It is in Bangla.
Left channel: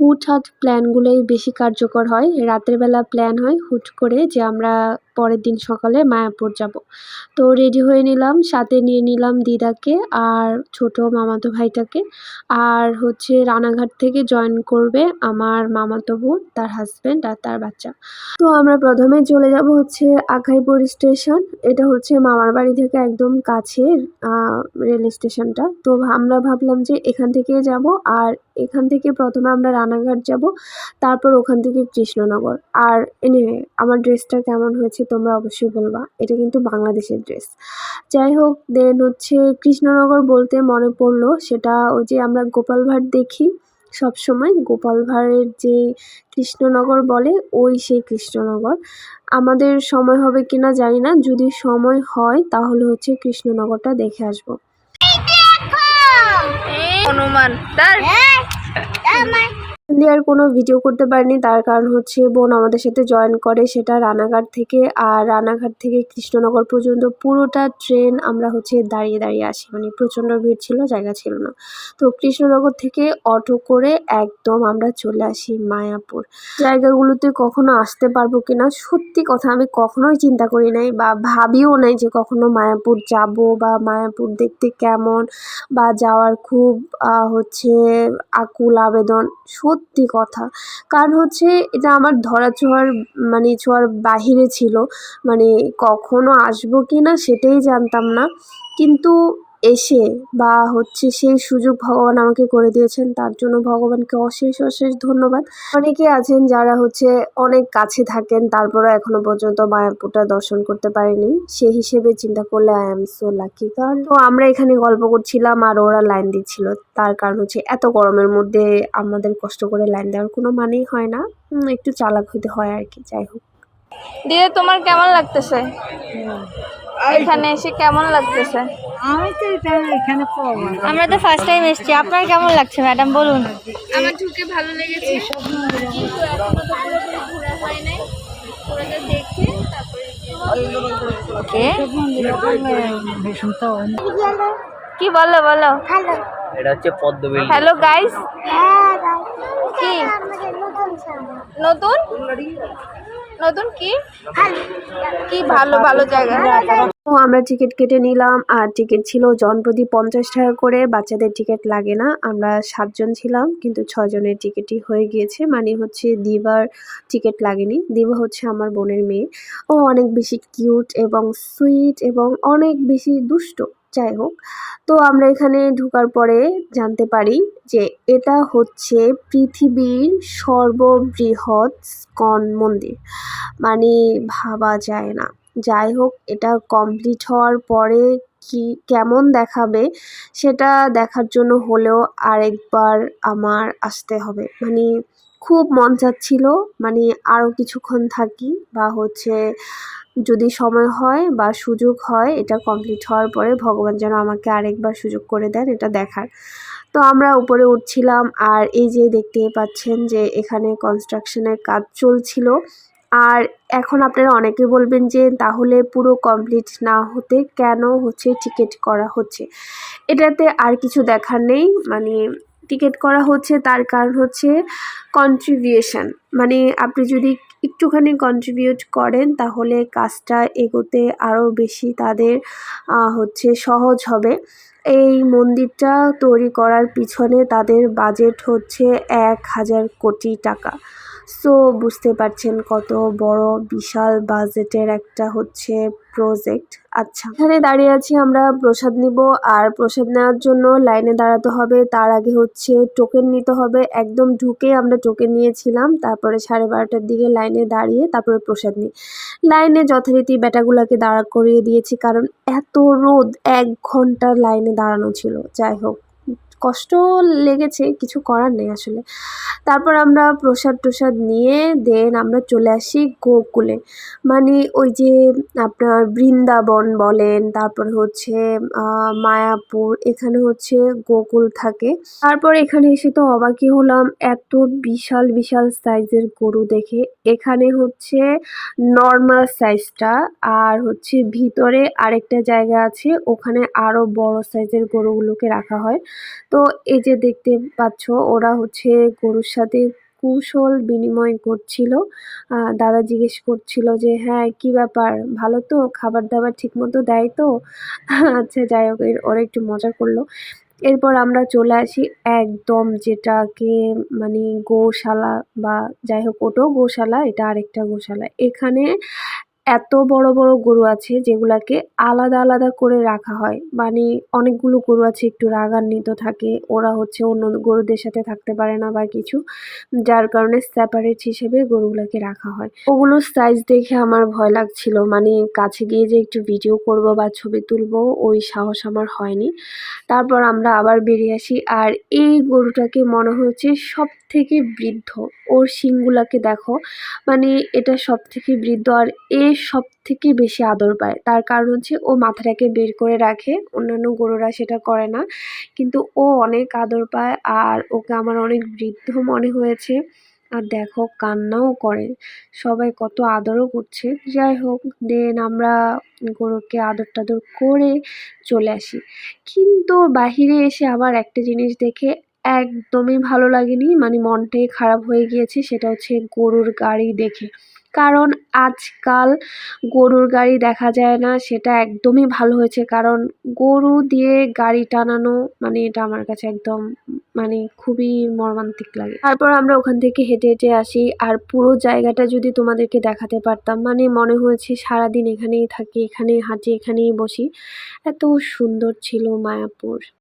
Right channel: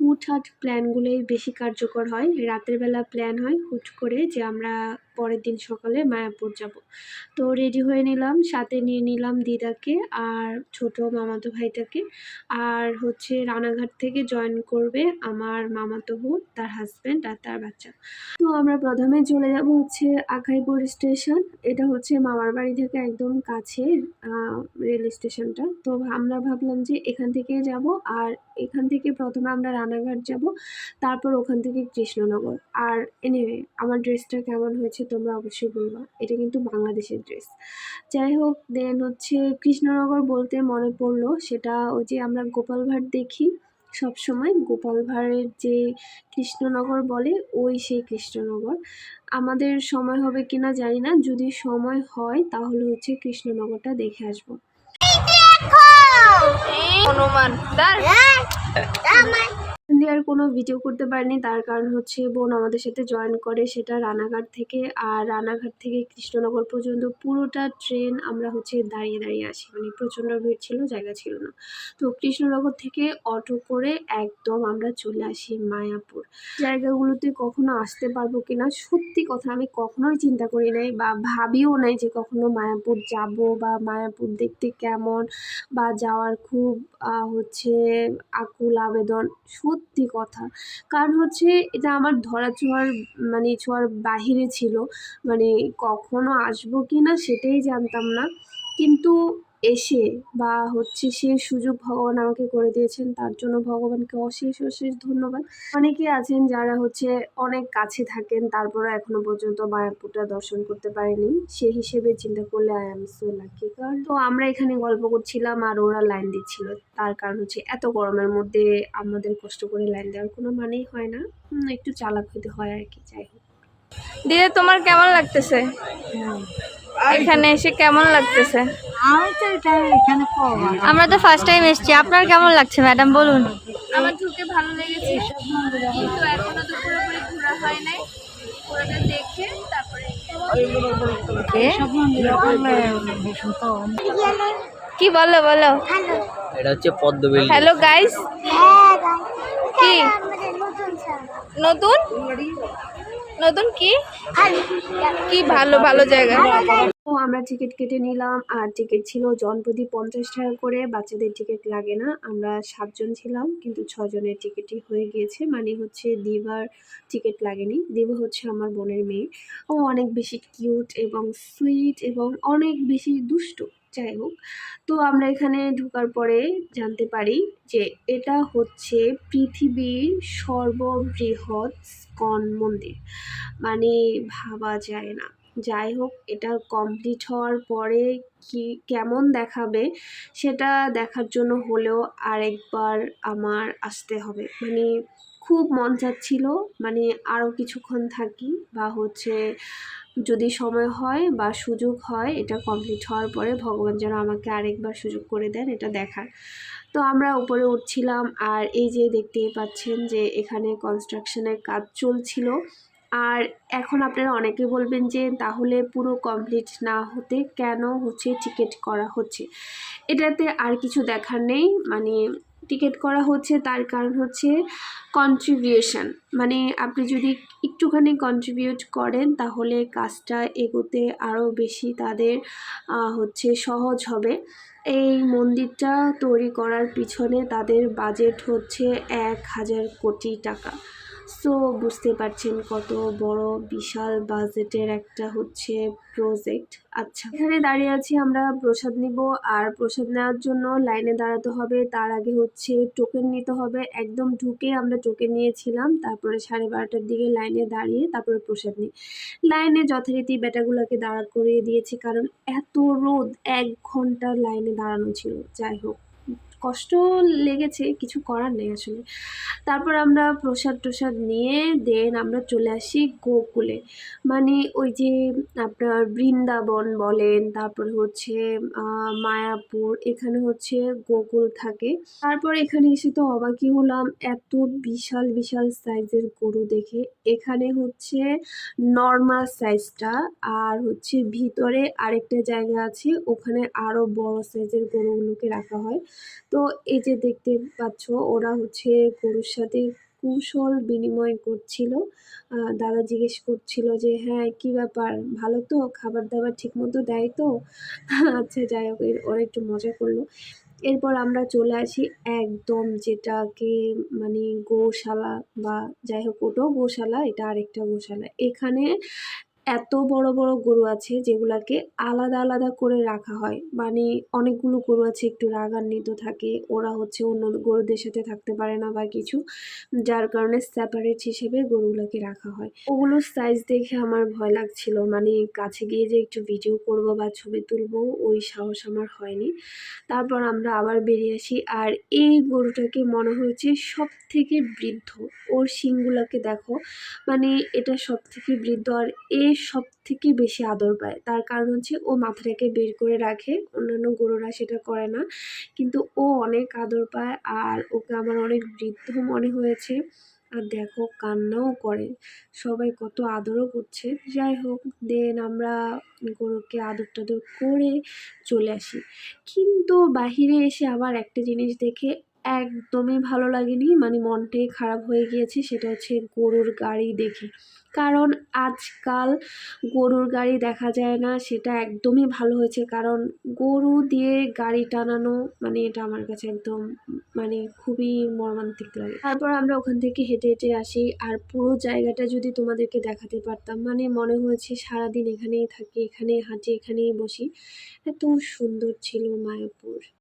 হুটহাট প্ল্যানগুলোই বেশি কার্যকর হয়। রাতের বেলা প্ল্যান হয়, হুট করে যে আমরা পরের দিন সকালে মায়াপুর যাব। তো রেডি হয়ে নিলাম, সাথে নিয়ে নিলাম দিদাকে আর ছোট মামাতো ভাইটাকে। আর হচ্ছে রানাঘাট থেকে জয়েন করবে আমার মামাতো বোন, তার হাজব্যান্ড আর তার বাচ্চা। তো আমরা প্রথমে চলে যাব হচ্ছে আখাইপুর স্টেশন এটা হচ্ছে মামার বাড়ি থেকে একদম রেল স্টেশনটা তো আমরা ভাবলাম যে এখান থেকে যাব আর এখান থেকে প্রথমে আমরা রানাঘাট যাব, তারপর ওখান থেকে কৃষ্ণনগর। আর এনিওয়ে আমার ড্রেসটা কেমন হয়েছে তোমরা অবশ্যই বলবা। এটা কিন্তু বাংলাদেশের ড্রেস যাই হোক দেন হচ্ছে কৃষ্ণনগর বলতে মনে পড়ল, সেটা ওই যে আমরা গোপাল ভাট দেখি সব সময় গোপাল ভাঁড়ের যে কৃষ্ণনগর বলে, ওই সেই কৃষ্ণনগর। আমাদের সময় হবে কিনা জানি না, যদি সময় হয় তাহলে হচ্ছে কৃষ্ণনগরটা দেখে আসব। হনুমান। তার দিয়ে আর কোনো ভিডিও করতে পারিনি। তার কারণ হচ্ছে বোন আমাদের সাথে জয়েন করে সেটা রানাঘাট থেকে। আর রানাঘাট থেকে কৃষ্ণনগর পর্যন্ত পুরোটা ট্রেন আমরা হচ্ছে দাঁড়িয়ে দাঁড়িয়ে আসি। মানে প্রচণ্ড ভিড় ছিল, জায়গা ছিল না। তো কৃষ্ণনগর থেকে অটো করে একদম আমরা চলে আসি মায়াপুর। জায়গাগুলোতে কখনো আসতে পারব কিনা? সত্যি কথা, আমি কখনোই চিন্তা করি নাই বা ভাবিও নাই যে কখনো মায়াপুর যাব বা মায়াপুর দেখতে কেমন বা যাওয়ার খুব হচ্ছে আকুল আবেদন। সত্যি কথা। কারণ হচ্ছে এটা আমার ধরা ছোঁয়ার মানে ছোঁয়ার বাহিরে ছিল। মানে কখনও আসব কি না সেটাই জানতাম না। কিন্তু এসে বা হচ্ছে সেই সুযোগ ভগবান আমাকে করে দিয়েছেন তার জন্য ভগবানকে অশেষ অশেষ ধন্যবাদ। অনেকে আছেন যারা হচ্ছে অনেক কাছে থাকেন তারপরে এখনও পর্যন্ত মায়াপুরটা দর্শন করতে পারেনি। সে হিসেবে চিন্তা করলে আই এম সো লাকি কারণ তো আমরা এখানে গল্প করছিলাম আর ওরা লাইন দিচ্ছিল। তার কারণ হচ্ছে এত গরমের মধ্যে আমাদের কষ্ট করে লাইন দেওয়ার কোনো মানেই হয় না। একটু চালাক হইতে হয় আর কি যাই হোক। দিদি তোমার কেমন লাগতেছে? এখানে এসে কেমন লাগতেছে? আমি তো এখানে পাবো আমরা তো ফার্স্ট টাইম এসেছি। আপনার কেমন লাগছে ম্যাডাম বলুন। আমার ঢুকে ভালো লেগেছে। কিন্তু এখনও তো পুরোপুরি ঘোরা হয় নাই। পুরোটা দেখে তারপরে সব মন্দিরে করলে ভীষণ তো কি বলো বলো। এটা হচ্ছে পদ্মবিল। হ্যালো গাইস কি? নতুন নতুন? কি? কি ভালো ভালো জায়গা। তো আমরা টিকিট কেটে নিলাম, আর টিকিট ছিল জনপ্রতি পঞ্চাশ টাকা করে। বাচ্চাদের টিকিট লাগে না, আমরা সাতজন ছিলাম, কিন্তু ছজনের টিকিটই হয়ে গিয়েছে। মানে হচ্ছে দিবার টিকিট লাগেনি। দিবা হচ্ছে আমার বোনের মেয়ে। ও অনেক বেশি কিউট এবং সুইট এবং অনেক বেশি দুষ্ট, যাই হোক। তো আমরা এখানে ঢুকার পরে জানতে পারি যে এটা হচ্ছে পৃথিবীর সর্ববৃহৎ স্কন মন্দির। মানে ভাবা যায় না। যাই হোক, এটা কমপ্লিট হওয়ার পরে কি, কেমন দেখাবে সেটা দেখার জন্য হলেও আরেকবার আমার আসতে হবে। মানে খুব মন চাচ্ছিল মানে আরও কিছুক্ষণ থাকি বা হচ্ছে যদি সময় হয় বা সুযোগ হয় এটা কমপ্লিট হওয়ার পরে ভগবান যেন আমাকে আরেকবার সুযোগ করে দেন এটা দেখার। তো আমরা উপরে উঠছিলাম আর এই যে দেখতে পাচ্ছেন যে এখানে কনস্ট্রাকশনের কাজ চলছিল। আর এখন আপনারা অনেকে বলবেন যে, তাহলে পুরো কমপ্লিট না হতে কেন হচ্ছে টিকিট করা হচ্ছে? এটাতে আর কিছু দেখার নেই। মানে টিকিট করা হচ্ছে তার কারণ হচ্ছে কন্ট্রিবিউশন মানে আপনি যদি একটুখানি কন্ট্রিবিউট করেন, তাহলে কাজটা এগোতে আরও বেশি তাদের হচ্ছে সহজ হবে। এই মন্দিরটা তৈরি করার পিছনে তাদের বাজেট হচ্ছে এক হাজার কোটি টাকা। সো বুঝতে পারছেন কত বড় বিশাল বাজেটের একটা হচ্ছে প্রজেক্ট আচ্ছা এখানে দাঁড়িয়ে আছি আমরা, প্রসাদ নিব। আর প্রসাদ নেওয়ার জন্য লাইনে দাঁড়াতে হবে। তার আগে হচ্ছে টোকেন নিতে হবে। একদম ঢুকে আমরা টোকেন নিয়েছিলাম। তারপরে সাড়ে বারোটার দিকে লাইনে দাঁড়িয়ে তারপরে প্রসাদ নিই। লাইনে যথারীতি বেটাগুলোকে দাঁড়া করিয়ে দিয়েছি। কারণ এত রোদ, এক ঘণ্টা লাইনে দাঁড়ানো ছিল। যাই হোক। কষ্ট লেগেছে, কিছু করার নেই আসলে। তারপর আমরা প্রসাদ টসাদ নিয়ে দেন আমরা চলে আসি গোকুলে। মানে ওই যে আপনার বৃন্দাবন বলেন, তারপর হচ্ছে মায়াপুর, এখানে হচ্ছে গোকুল থাকে। তারপর এখানে এসে তো অবাকই হলাম, এত বিশাল বিশাল সাইজের গরু দেখে। এখানে হচ্ছে নর্মাল সাইজটা আর হচ্ছে ভিতরে আরেকটা জায়গা আছে, ওখানে আরও বড় সাইজের গরুগুলোকে রাখা হয়। তো তো এই যে দেখতে পাচ্ছ, ওরা হচ্ছে গরুর সাথে কুশল বিনিময় করছিল। দাদা জিজ্ঞেস করছিল যে হ্যাঁ কি ব্যাপার? ভালো তো? খাবার দাবার ঠিক মতো দেয় তো? আচ্ছা যাই হোক ওরা একটু মজা করল। এরপর আমরা চলে আসি একদম যেটাকে মানে গোশালা বা যাই হোক, ওটাও গোশালা, এটা আরেকটা গোশালা। এখানে এত বড় বড় গরু আছে যেগুলাকে আলাদা আলাদা করে রাখা হয়। মানে অনেকগুলো গরু আছে, একটু রাগান্বিত থাকে, ওরা হচ্ছে অন্য গরুদের সাথে থাকতে পারে না বা কিছু, যার কারণে সেপারেট হিসেবে গরুগুলোকে রাখা হয়। ওগুলোর সাইজ দেখে আমার ভয় লাগছিল। মানে কাছে গিয়ে যে একটু ভিডিও করব বা ছবি তুলবো, ওই সাহস আমার হয়নি। তারপর আমরা আবার বেরিয়ে আসি আর এই গরুটাকে মনে হয়েছে সব থেকে বৃদ্ধ। ওর শিংগুলাকে দেখো। মানে এটা সব থেকে বৃদ্ধ আর এ সব থেকে বেশি আদর পায়। তার কারণ হচ্ছে ও মাথাটাকে বের করে রাখে, অন্যান্য গরুরা সেটা করে না। কিন্তু ও অনেক আদর পায় আর ওকে আমার অনেক বৃদ্ধ মনে হয়েছে। আর দেখো কান্নাও করে। সবাই কত আদরও করছে। যাই হোক, দেন আমরা গরুকে আদর টাদর করে চলে আসি। কিন্তু বাহিরে এসে আবার একটা জিনিস দেখে একদমই ভালো লাগেনি। মানে মনটাই খারাপ হয়ে গিয়েছে, সেটা হচ্ছে গরুর গাড়ি দেখে। কারণ আজকাল গরুর গাড়ি দেখা যায় না, সেটা একদমই ভালো হয়েছে। কারণ গরু দিয়ে গাড়ি টানানো মানে এটা আমার কাছে একদম মানে খুবই মর্মান্তিক লাগে। তারপর আমরা ওখান থেকে হেঁটে হেঁটে আসি, আর পুরো জায়গাটা যদি তোমাদেরকে দেখাতে পারতাম মানে মনে হয়েছে সারাদিন এখানেই থাকি, এখানেই হাঁটি, এখানেই বসি। এত সুন্দর ছিল মায়াপুর।